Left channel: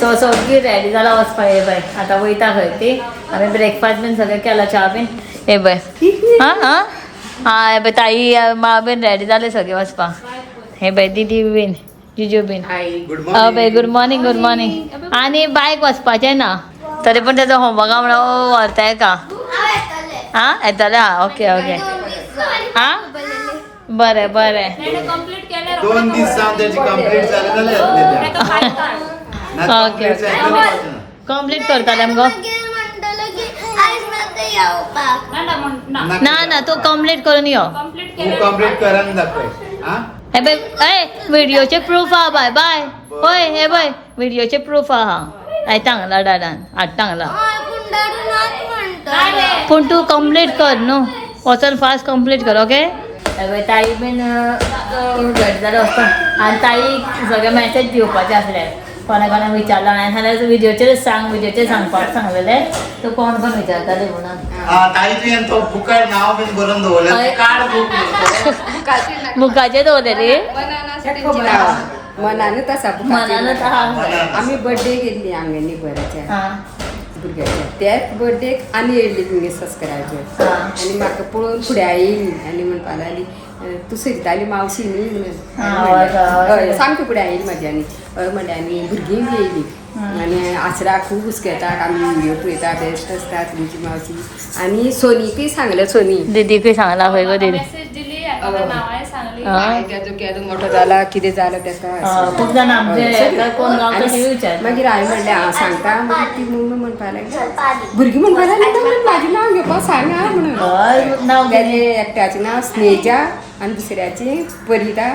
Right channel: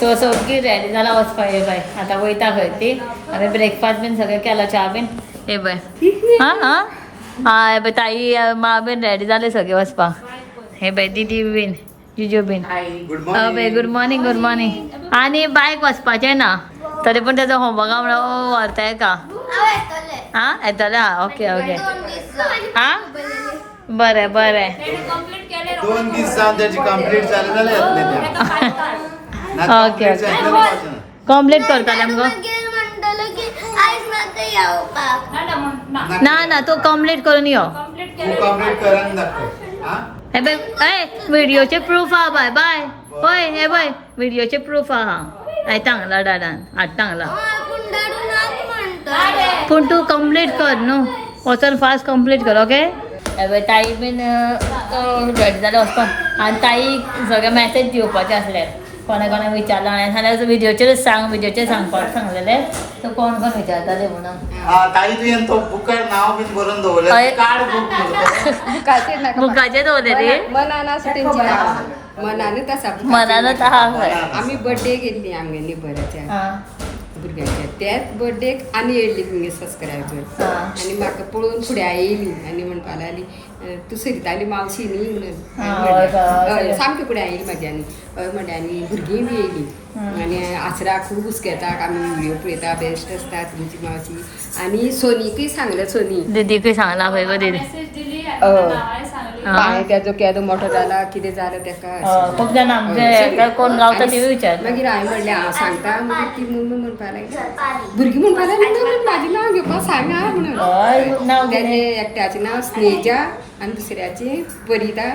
So सगळी ready जाला वचपा हे बाय आता वयता खंय ती आमी ब्रेकफास्ट बीन सगळें केला च्या बीन हे बाय हां हां हां हे बाय ताई मा बीन रेडी जाले सगळे वचपाक हे बाय दीदी बीन जिजू बीन बाय गुड मॉर्निंग आनी बायक वचपाचें ना तरी पूण तेजो होमवर्क म्हणून व्हरताय का हां येतले हां ओके ओके हां बरें बरें 2 दीस जावन त्याची कंप्लीट जाले जाल्यार ओके कंप्लीट करताले आमकां ना ना तू कंप्लीट करून यो कंप्लीट करून दाखव हां हे बाय ए व्हिडिओचे प्रूफ आहा बाय बाय होय हे बाय व्हिडिओचे प्रूफ आहा आयतांगला डाडान हाडटांगला पूण तू कंप्लीट कर न्हू वचून फास्ट कंप्लीट कर ओके ताई बीन रेडी जाले वचपाक आनी ताईक सगळे मॅसेज दिवपाचे आसले कोणा कोणा विचारलो हांवें जाल्यार व्हिडिओचेर सांग व्हिडिओचेर सांगपाक सांगलेले तो कोण कोण विचारताले म्हणून ताई तुवें तो बुकार नांव बीन बरोवन दवरलें कार्ड बुक बुकाचेर दवरलेली मनानूच आसा मनानूच आहा आमी बर्थडे गेल्ली आमगेली बऱ्याच्या आं भुरग्याच्या त्याच बर्थडेक आनी येयल्ली तुमगे सबस्क्रायबर आनी म्हाका पळोवन फुडें आयली आनी म्हणपा लागली तूं सरिताली मावशी न्ही म्हणून हय सामकी फुडें आयली म्हाज्यानी हय म्हणलें आनी भुरगीं बी येयली आनी आसरा खूब हुस्केतात आमी व्हिडिओ पळयता बेस्ट आसता तुमची मावशी आनी सोनीकूय सांगलें सोनी दीदीकूय सांगला खंय गो दीदी तेजो केदो मोठो जाला कितें जालें तेका खूब जाण आमचे कोण गावता ती विचार मागीर हांवें म्हणलें हांव सांगता मागीर ती मम्मी म्हणपा लागली भुरगीं म्हणपा लागली म्हाजें नांव घेवपा सांग आं म्हणून हय नांव तेजे एकट्याचें नांव स्नेजा आनी दुसऱ्याची परिता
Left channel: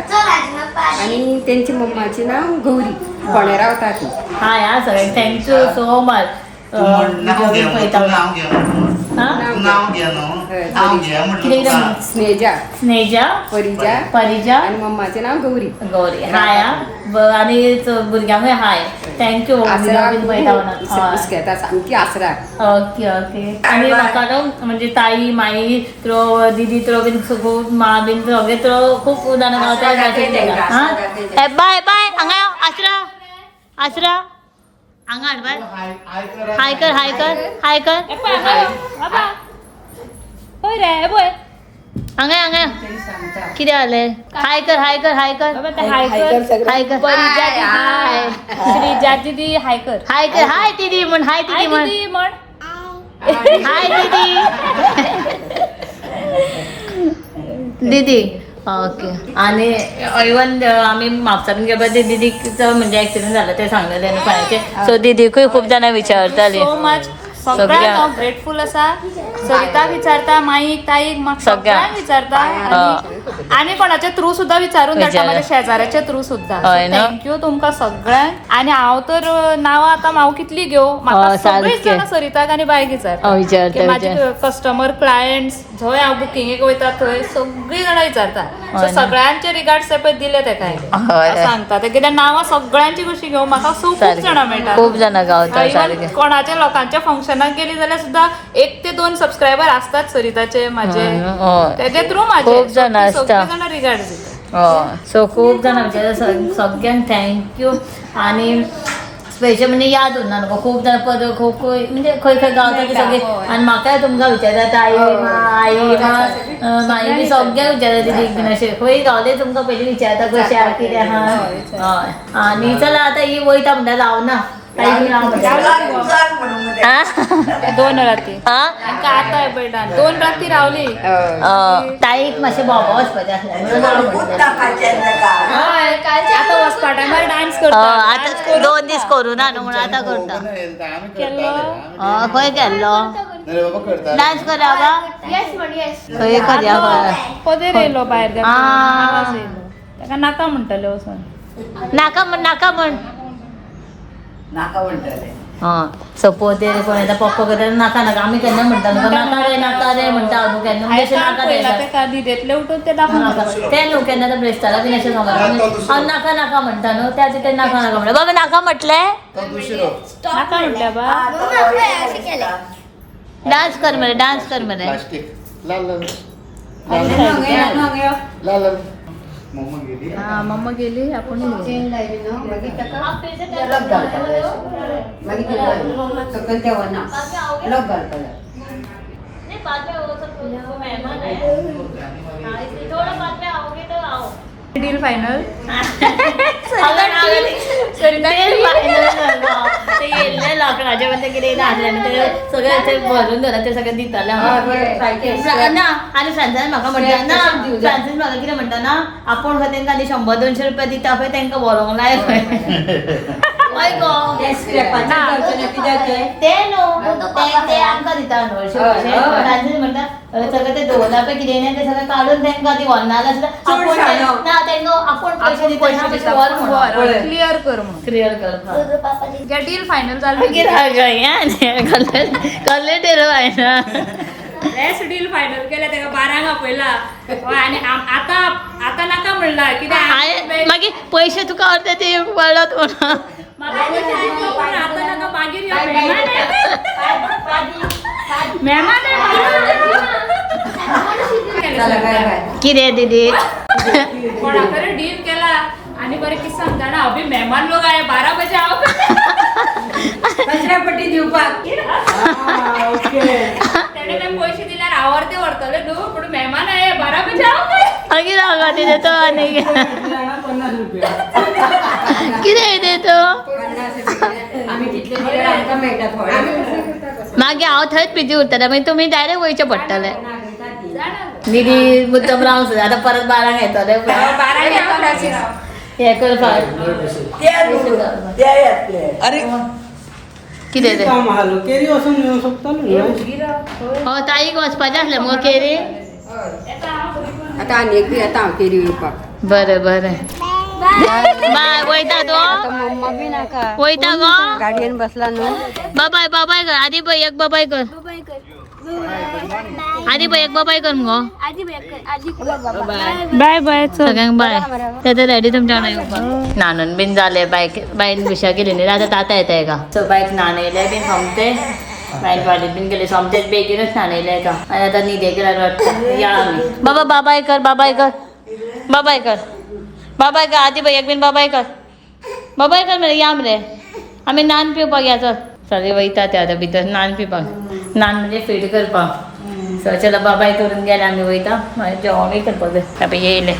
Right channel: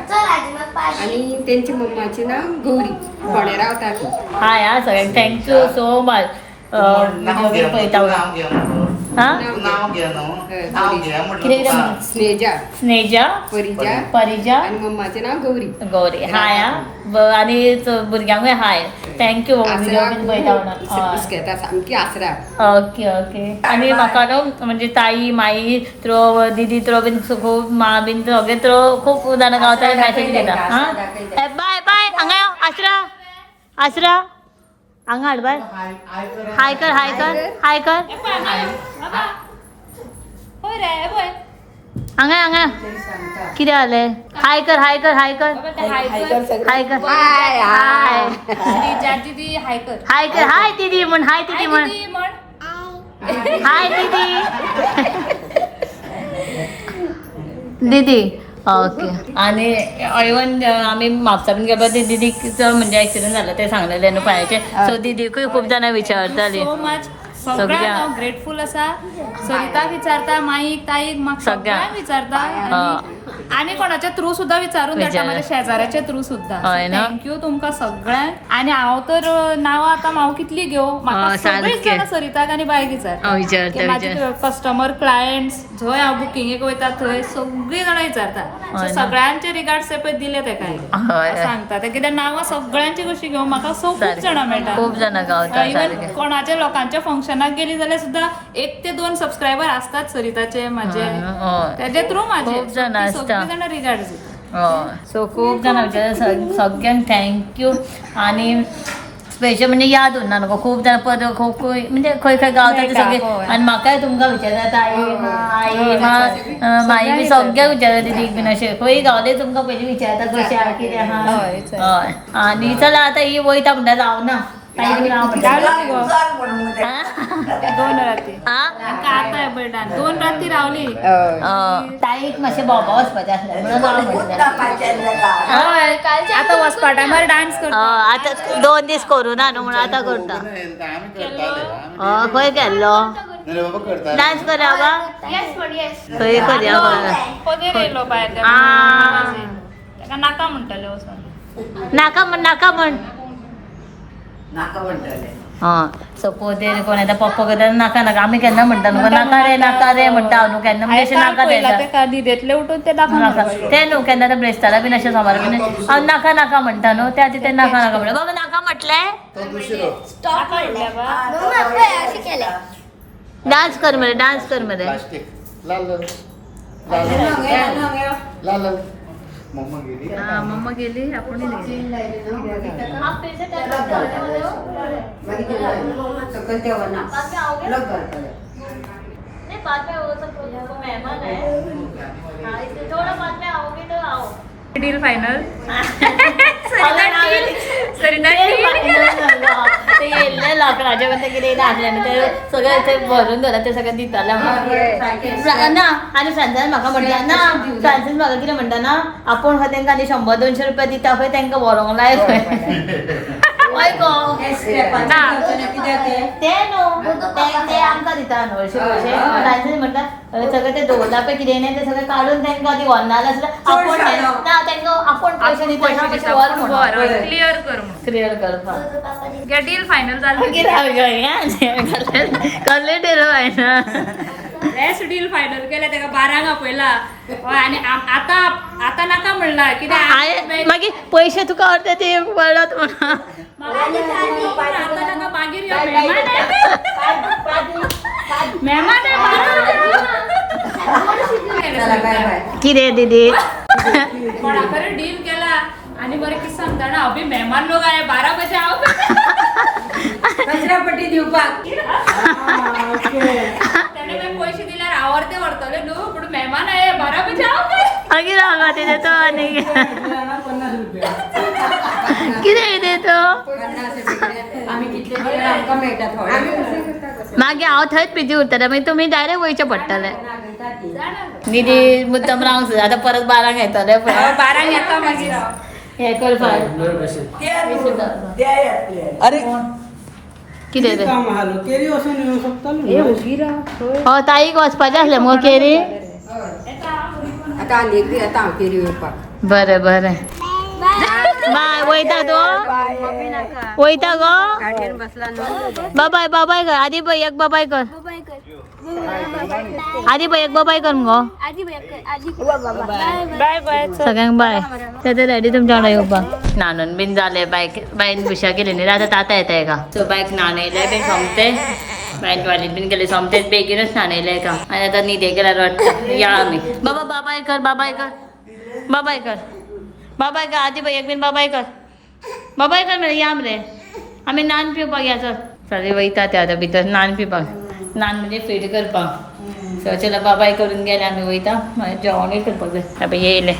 आनी तेंची मम्माचें नांव गौरी फोंड्या रावता ती हाय हां सगळ्यांक थँक्यू सो मच व्हिडिओ बीन पळयता नांव घे न्हू कितें कितें म्हणून स्नेजा स्नेजा परिजा परिजा आनी मम्माचें नांव गौरी गौरी हाय हां आनी भुरग्यांकूय हाय थँक्यू व्हिडिओ बीन पळयता म्हणून हुस्केता सामकी आसरा ओके ओके आनी म्हाका न्हू म्हणजे ताई माई थ्रो दीदी थ्रो बीन खूब मा बीन सगळे थ्रो खूब जाणां गावता मॅसेज दिता हां बाय बाय हांगा यो आसरा आसरा हांगा हाड बाय हाय कर हाय कर हाय कर हांगा हांगा कितें जालें हाय कर हाय कर हाय कर हाय कर हाय दीदी हाय कर हाय कर हाय दीदी म्हण हाय दीदी म्हण हाय दीदी दीदी ओके आणि इवन आम्ही म्हापसा बीन गेलो ते दीदीचो म्हणजे एक्सिडेंट झाला ते सांगलेले न्हू पांयाचे सो दीदीकूय खूब जाणां विचारताली सो मच सगळ्यांक ग्रेटफुल आसा सरिताक विचारता माईक ताईक म्हाका सगळ्यांक विचारता आनी कोणाच्या थ्रू सुद्धा विचारून धाडटा माझ्या शेजाऱ्याच्या थ्रू सुद्धा थँक्यू तुमकां सगळ्यांक आनी हांव तर नांवां आतां हांव कितली घेवं म्हाका सगळीं जाणां सरिताक आनी बायक विचारता म्हाजे कस्टमर क्लायंट्स जंय हांव बुकिंगेक वयता थंय सगळीं जाणां विचारता सगळ्यांचे रिगार्ड्स सेपरेट दिले तेका सांगता ते कित्याक नांवां सगळ्यांची कशी घेवं म्हाका खूब जाणां मेळटा खूब जाणां गावता कोणाच्या लोकांच्या फंक्शनाक गेली जाल्यार सुद्धा 1 ते 2 सबस्क्रायबर असतात सरिताचे माझे तेजे थ्रू माझे खूब जाणां आसता सगळीं जाणां रिगार्ड दिता सो खूब जाणां विचारता सगळ्यांक थँक्यू आनी स्पेशल म्हणजे याद उरना न्हू खूब जाणां पद खूब म्हणजे खंय खंय गावता ते सगळे आनी म्हाकाय तुमकां विचारता ताई आई माई बी सगळ्यांक विचारता दीदीक बीन अशें खंय गावले तुमकां पयलीं विचारता कशें आहा कितें आहा हय आनी चला आतां ही वयता म्हणटा जावना ताई बीन हांव म्हणटा 2 राती आतां बर्डान 2 राती रावली ताईक मातशें भोंवपा वचपाचें आसलें म्हणून म्हटलें आतां वचपा टायमार डान्स करता आतां 2 दीस करूं ना न्हू म्हणून आतां करता खंय गेल्लो डान्स करया बाबा खंय करया पदेर येयलो भायर ताका नाका म्हणटले वचून नाका म्हण सो पोदेर कोण येता पप्पा करता नाका नाका आमी केन्ना म्हणटा न्हू नाका रे म्हणटा हांव न्हू केन्ना म्हणजे अशें नाका तें न्हिदेंतले उठून ते तें न्हू केन्ना ते ब्रेस्तारा बीन अशें समोर हांव नाका म्हणटा न्हू त्या ते नाका म्हणटा बाबा नाका म्हटलें डान्स कर मरे मम्मा गेली हा मम्मा गेली आपण नहीं बाद में वो सब वो मेहमान है हाँ इसलिए थोड़ा बाद में आओगे तो आओ डील फायनल ते येल्ले लाकडाच्या मध्ये किती टाकल्याने ते सगळं इथे भरून झालं ते सगळं दिताला ना आणि फ्रांसान म्हाका म्हणटा ना फ्रांसीन म्हाका कितें म्हणटा ना आपूण खंय तांकां आनी 100-200 रुपया दिता पळय तांकां व्हरोंक लाय खंय गो ते न्हू ते आमकां दिता न्हू अशें फ्रांसीन म्हणटा सगळं ते दवरला पळय कितें नाही ते सगळं काडून तांकां ती व्हरनाले आसल्यार आपूण ना तांकां आपूण पयशे दिता मातशें व्हर म्हणून क्लियर कर क्लियर कर डील फायनल झालं कसले टेलो आहे ना बेस्ट डील फायनल केलं तेका 12 पयला आणि आता आता नाका म्हणला कित्याक मागीर पयशे तुका अर्दे ते पडलात म्हणा आता नाका मागीर यो मेहमान कितें दीदी कोणाकडे डील केला आणि बरे किस्सा सांगता ना अभि मेहमान लोक आहे 12 बजे आओ कचरापट्टी दिवपाक त्याने काय पैसे दिल्यार आवडते वरतले न्हू पण मेहमान आहे 12 बजे आओ अगी रागा ते देतो आणि कितें देतो आम्ही कितले दिले आमकां मेळटा थोडे मागीर हांव थंयच बिजी उरतलें मागीर तुमी डायरेक्ट वयचें पडटलें दीदी मुद्दम रावंक सुद्दां आतां परत 12 येतले पळय 12 येता हे करपाक अरे कितें तें केरी वचून येवं शकतालो हो ताईक वचपाचें आसलें मुगो केरी आता आनी एक दीस येता हांव केरी येवपाक बरें बरें बाय वयता तूं मम्मा बी नाका वयता गो गाडयेन बसला न्हू बाबाय बाबाय कर आदी पळय एक बाबाय कर आदी पळय एक बाबाय कर मुगो बाय बाय सगळ्यांक बाय ते रेडी तुमच्या वांगडा येवपाक न्हाणून बीन जालें बायन बुशा केली न्ही आतां ताता येता एका सो बायक न्हाणयले बीन सोमते बायन टॉयलेट बीन गेले सोमतेच बेगीनच न्हाणयले एका आनी आतां न्हिदे गेल्यार वाटता या आमी बाबा बाबाय कर बाबाय कर बाबाय कर बाबाय कर आदी पळय एक बीन बाबाय कर मरे या मरे आमी नान पिवपाक या चल सगळे वयता ते आतां भितर नान पिवपाक नान म्हणजे फीड करपाक सो चला बाबाय करून गेले आमी वयता मागीर जेवणूय करपाक जाय आतां येयले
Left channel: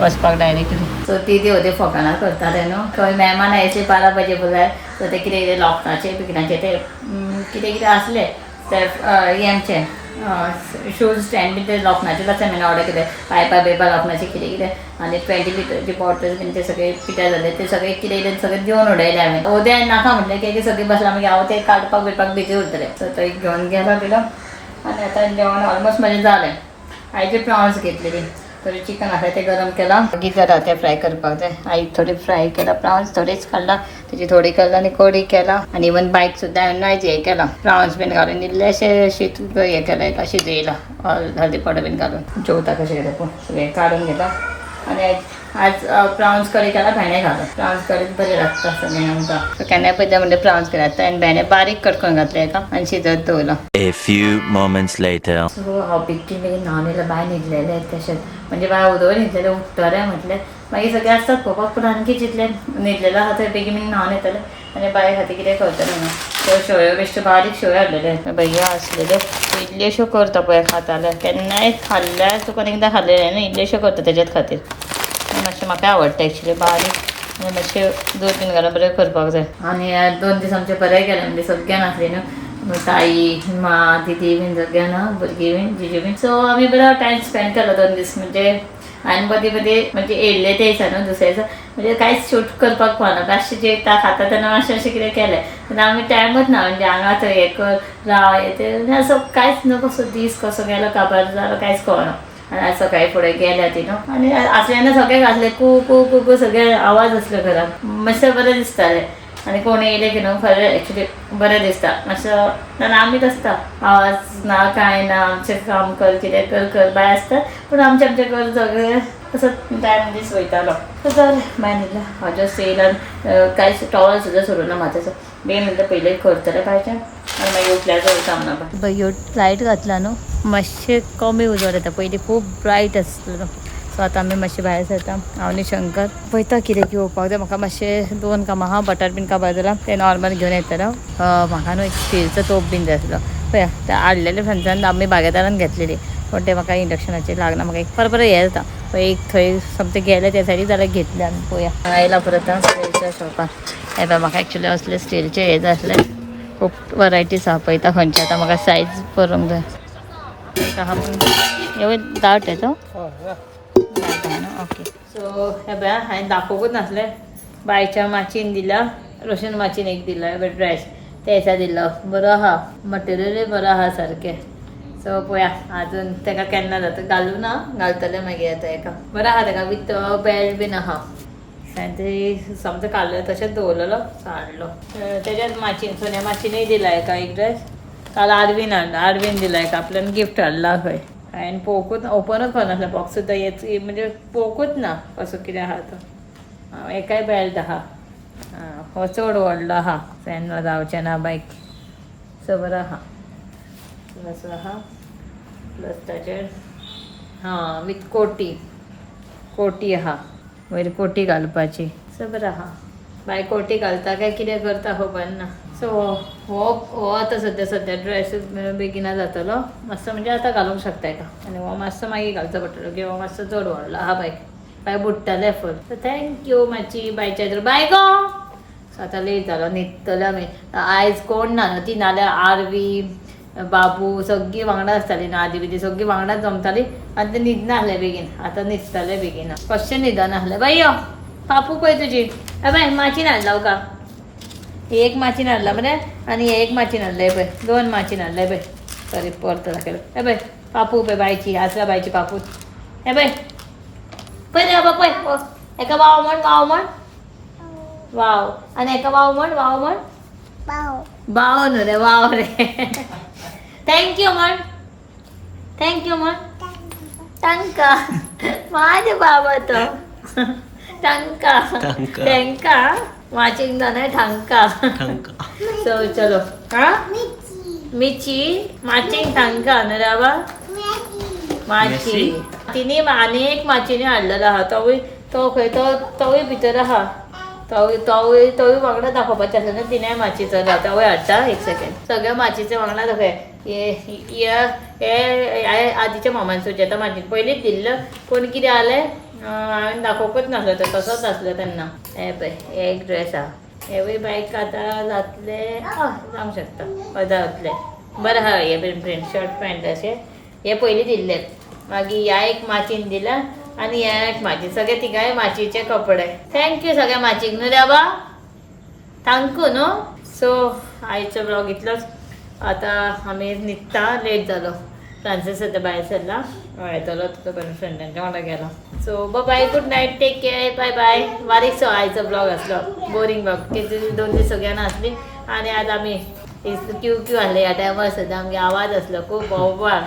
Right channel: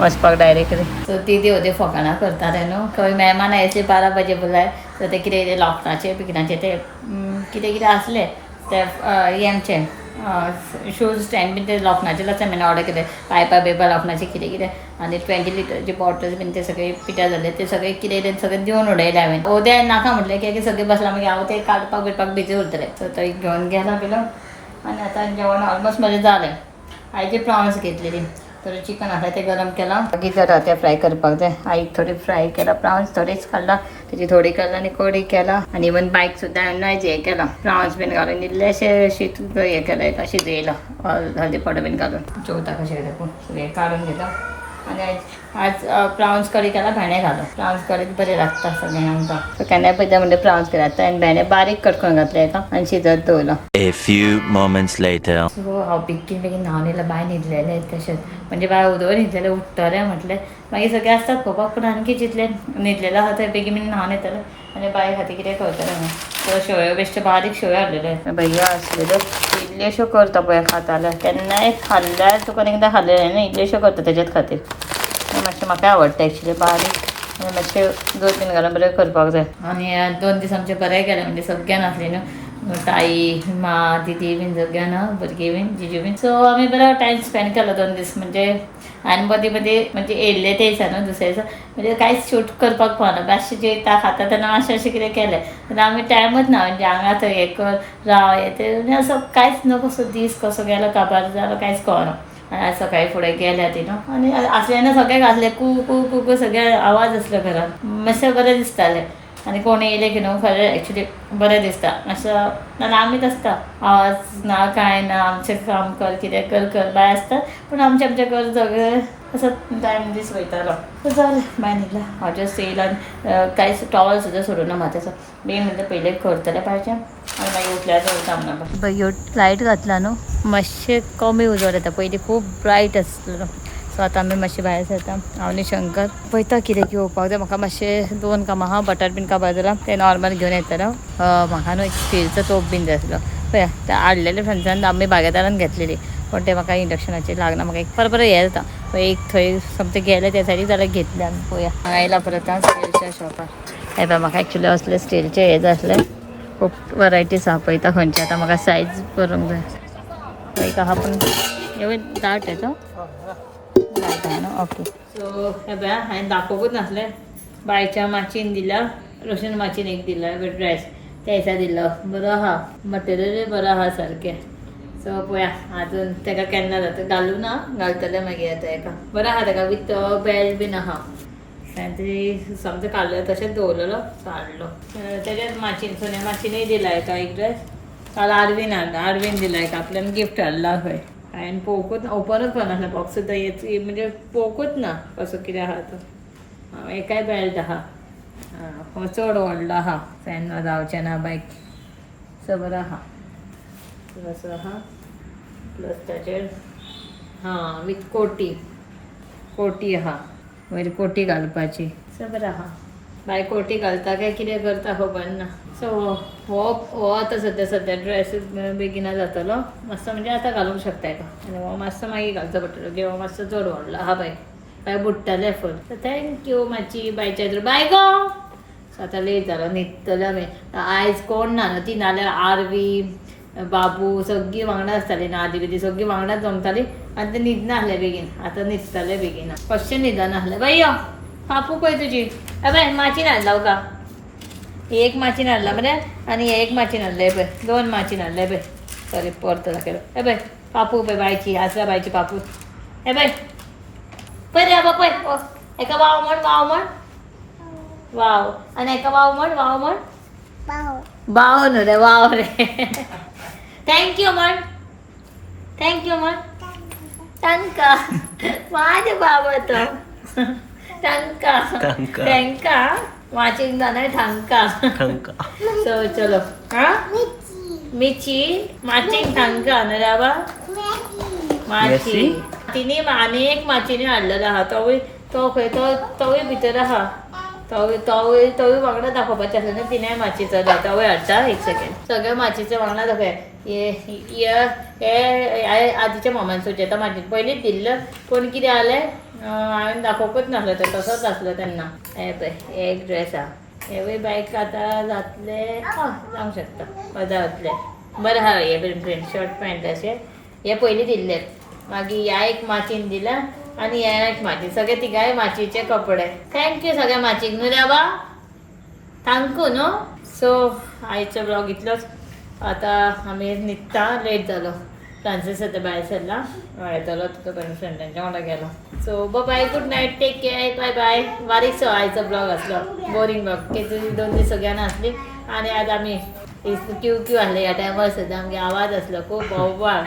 वचपाक डायरेक्टली सो ती होते फकाणां करताले न्हू खंय मेहमान आयचे 12 बजे बोलाय सो ते कितें लॉकडाचे बिकडाचे ते कितें कितें आसले ते हेंचे शूज स्टँड बीन ते लोखणाचेच आसा म्हण ऑर्डर केले पायपा बिपा लोखणाचे कितें कितें आनी 20 लिटरचे बॉटल्स बीन ते सगळे पिड्यार जाले ते सगळे कितें सगळे दिवन उडयले हांवें उद्या नाका म्हटलें की सगळे बसला मागीर हांव ते काडपाक बिडपाक बिजी उरतलें सो थंय घेवन गेलो आनी आतां जेवण ऑलमोस्ट म्हजें जालें आयची प्रॉन्स घेतलेली थोडी चिकन आसा तें गरम केलां गिजर आहा तें फ्राय करपाक जाय आईक थोडी फ्राय केला प्रॉन्स थोडीच काडला तेजी थोडी केला आनी कडी केला आनी इवन बायक सुद्दां हांवें नायज हें केला प्रॉन्स बीन घालून इल्लेशें शीत हें केलें एका शिजयला हळदी पावडर बीन घालून जेवता कशें कितें पूण सगळें काडून घेता आनी आज प्रॉन्स कडी केला भेंडे घालून प्रॉन्स कडी बरी लागता सगळें आमकां सो केन्नाय पयता म्हणजे प्रॉन्स केला आनी भेंडे बारीक कट करून घातले एका आनी शिजत दवरला A few moments later. So हांव बेगीन बेगीन न्हावन येयलें बाय न्हिदलेलें तशेंच म्हणजे बाय उदक न्हिदलेलें उठतलें म्हटलें मागीर सगळें आसतात पळोवपाक पूण आनी चिंतलें न्हिदलेलें आहा थंय बेगीन बेगीन न्हावन येतलें आनी बाय खातीर कितें करतलें म्हणून त्यो शेवयो बेश्ट्यो बारीक शेवयो हाडलेले भैया आसलेले इल्ल्योश्यो करता पळय खाताले केन्नाय खाल्ल्यार तुका एकदां खाल्लेलें न्ही इल्ल्योश्यो करता तेज्याच खातीर मातशें म्हाका आवडटा एक्चुली बारीक आनी मातशें दूद बीन घालून बरें करपाक जाय आनी 2 दीस आमचे बरें गेले म्हणजे सगळ्यां नासली न्हू ताई माँ दीदी बीन सगळ्यां ना भुरगीं बीन जिजू बीन सो आमी बरो टायम स्पेंड केलो 2 दीस म्हणजे आनी मदीं मदीं म्हणजे येयल्ले ते दिसा न्हू दुसऱ्या दिसा म्हणजे कांयच शूट करपाक पावना बेश्टें जेयता खाता तेन्ना अशें कितें केलें पण आमी टायमूच ना म्हणजे हांगा थंय हें कर राव हें तें असो कांयच न्हू कसो दीस कसो गेलो काबार जालो कांयच कळना आनी आज सकाळीं फुडें गेल्या ती न्हू आनी आसल्यान सगळें घातलें कू कू कू कू सगळे आवाज आसले घरांत मातशें बरें दिसतालें आनी कोण येयले की न्हू खरें एक्चुली बरें दिसता मातसो नाल्या आमीच आसता आवाज ना कांय ना आमचें काम कर कितें कर बाय आसता पूण आमचें कर सगळें असो टायम दीस वयतालो सो जालें बाय न्हिदला हांव जस्ट येयला कांयच टॉवल सुद्दां सोडूना माथ्याचो बेगीन म्हणटा पयलें करतलें पाहिजे आनी मागीर उठल्यार काम ना बाय ह्यो लायट घातला न्हू मातशें कमी उजवाड येता पयलीं खूब ब्रायट आसलो सो आतां आमी मातशें भायर सरता हांव आनी शंकर पळयता कितें घेवपाक जाय म्हाका मातशें 2 कामां आहा बटाट बीन काबार जाला ते नॉर्मल घेवन येतलो म्हाका न्हू एक स्टीलचो तोप बीन जाय आसलो पळया ते हाडलेले फ्रेंड्सान आमी बागेदारान घेतलेली पण ते म्हाका इंडक्शनाचेर लागना म्हाका एक परत हे जाता पळय एक थंय समथें गेले त्या सायडीक जाल्यार घेतले आमी पळया आयला परत स्टीलच्या शॉपार हे पळय म्हाका एक्चुली असले स्टीलचे हे जाय आसले खूब वरायटीज आहा पळयता खंयचे आतां म्हाका सायज करूंक जाय एक आहा पण एवढे दाट आहे तो दाट आहे ना ओके सो हे पळया हांवें दाखोवूच नासलें बायच्या माचीन दिला रोशन माचीन एक दिला हे ड्रेस त्या दिसा दिलो बरो आहा मटेरियलूय बरो आहा सारकें सो पळया आजून तेका केन्ना जाता घालूं ना घालतलें मागीर येता हेका बरो आहा तेका विथ बेल्ट बीन आहा हांवें समजा काडलें तशेंच दवरलेलो सो हाडलो तेज्याच माचीन सोन्या माचीनूय दिला हेका एक ड्रेस काल आरवीन हाडला आरवीन दिला एक आपल्यान गिफ्ट हाडला खंय हांवें पळोवकूच ओपनूच करनासलें बॉक्स सुद्दां हेच म्हणजे पळोवकूच ना कसो कितें आहा तो एकाय बेल्ट आहा हो चड व्हडलो आहा फॅन जावचें ना बायक सो बरो आहा असो आहा प्लस ताचेर विथ कोटी आहा वयर कोटी घालपाची सो बरो आहा बाय कोटी घालता काय कितें करता खबर ना सो हो आतां सद्या ड्रेस बेगिना जातलो मातसो म्हणजे आतां घालूंक शकता हेका आनी हो मातसो मागीर घालचो पडटलो किंवा हो मातसो चड व्हडलो आहा बाय बुडटाले फूल सो थँक्यू मातशी बायच्या तर बाय गो सो आतां लेट जालो न्हिदतले आमी आयज कोण ना न्हू ती नाल्यार आरवी बाबू सगळीं वांगडा आसतालीं न्हू आदी बिदी सगळीं वांगडाच जमतालीं आनी ते न्हिदना आसलें बेगीन आतां न्हिदताले बेगीन कशें न्हिदना आसलें बाय यो पापू पळय तुजी बाय माचीन हाडला का एक माचीन हाडला मरे आनी एक माचीन हाडलें पळय 2 माचीन हाडलें पळय सॉरी परत दाखयलो हे पळय पापू पळय बायची आसल्या बायची पापू हे पळय पळय रे बाबा पळय हेका वाव म्हण वाव आनी हेका वाव म्हण बाव न्हू रे वाव रे थँक्यू म्हण टंका माझे बाबा तो टंका वाचिंग जाणार ठंका सो चलो हा मिची माचिंग ठंका ना राबा माची तिने आनी एक माचीने हाडलेलो आहा तो खंय तोय भितर आहा तोय वांगडा दाखोवपाचें आसलें न्हू तिने माचीचो तोय हाडटा एक सेकेंड सगळे माचीचे वांगडा दाखय हे आदीच्या मामान सुचेता माचीन पयलींच दिल्लो पूण कितें जालें हांवें दाखोवकूच नासलो तो तसोच आसलो तेन्ना हे पळय एक ड्रेस आहा हेवूय बायक आतां जातले जावंक शकता पदा जातले बरें आहा हे प्रिंट शर्ट पॅन्ट अशें हे पयलीं दिल्ले मागीर ह्या एक माचीन दिला आनी ह्या एक माची सगळे तिगाय माचीचे कपडे थँक्यू सगळ्या माचीक न्हू रे बाबा थँक्यू न्हू सो आयचो ब्लॉग इतलोच आतां आमी न्हिदता लेट जालो फ्रांसीस आतां भायर सरला येतलो तो फ्रेंडांच्या वांगडा गेलो so bye good night take care bye bye बारीकसो आयचो ब्लॉग आसलो बोरींग ब्लॉग कितें 2 दीस सगळ्यांना आसली आनी आतां आमी क्यू आसले ह्या टायमार सुद्दां आमगे आवाज आसलो खूब बोवाळ